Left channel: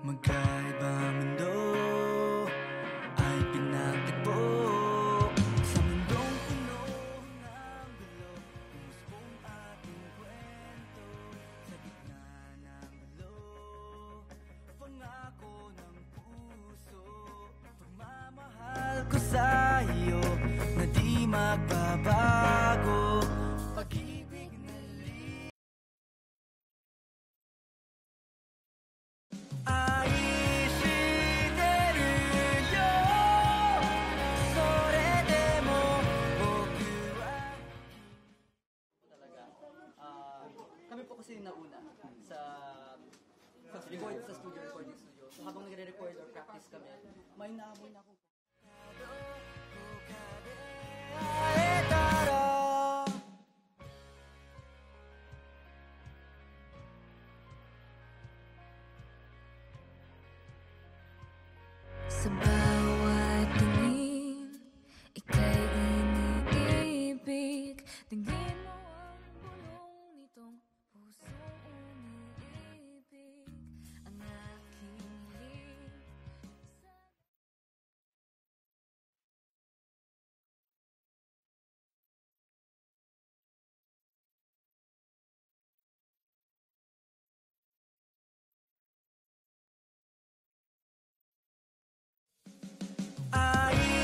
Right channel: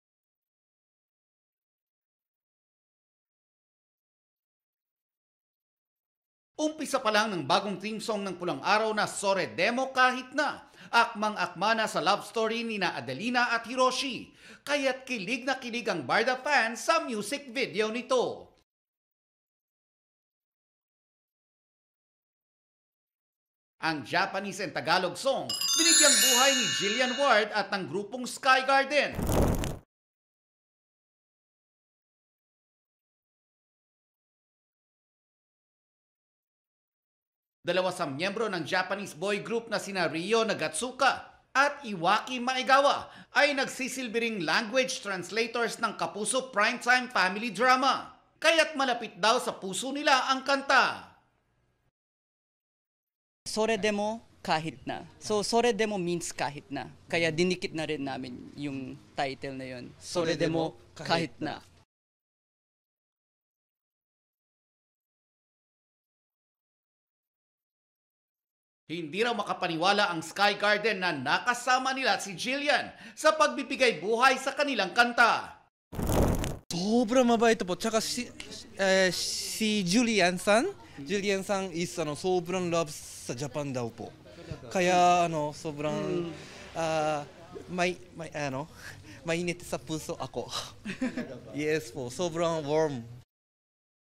Magkaibang mundo ay pinatagpo sa mundong Umpisa pa lang ng bagong theme song ng Pulang Araw na Sore Demo kahit na akmang-akma na sa love story ni na Adelina at Hiroshi. Kaya't kilig na kilig ang Barda fans sa music video nito. mahal ko sa'yo na di magbabago. Ang Japanese and Tagalog song, binigyang buhay ni Jillian Ward at ng grupong Sky Garden. Dalawa sa miyembro ng Japanese boy group na sina Ryo Nagatsuka at Iwaki Maegawa ay nagsisilbing language translators ng Kapuso primetime family drama. Kaya't malapit daw sa puso nila ang kanta. Sore demo kahit na. So sore demo means kahit na. Kaya dinikit na rin namin yung title na yun. Sore demo kahit na. Sa bawat tingin, ika'y iniibig. Tingin mo Hindi raw makapaniwala ang Sky Garden na nakasama nila si Jillian sa pagbibigay buhay sa kanilang kanta. Sobrang mabait po. Tsaka si Julian san is sobrang love sa Japan daw po. Kaya sobrang mainit sa puso ako. Yes po, sobrang warm. Ay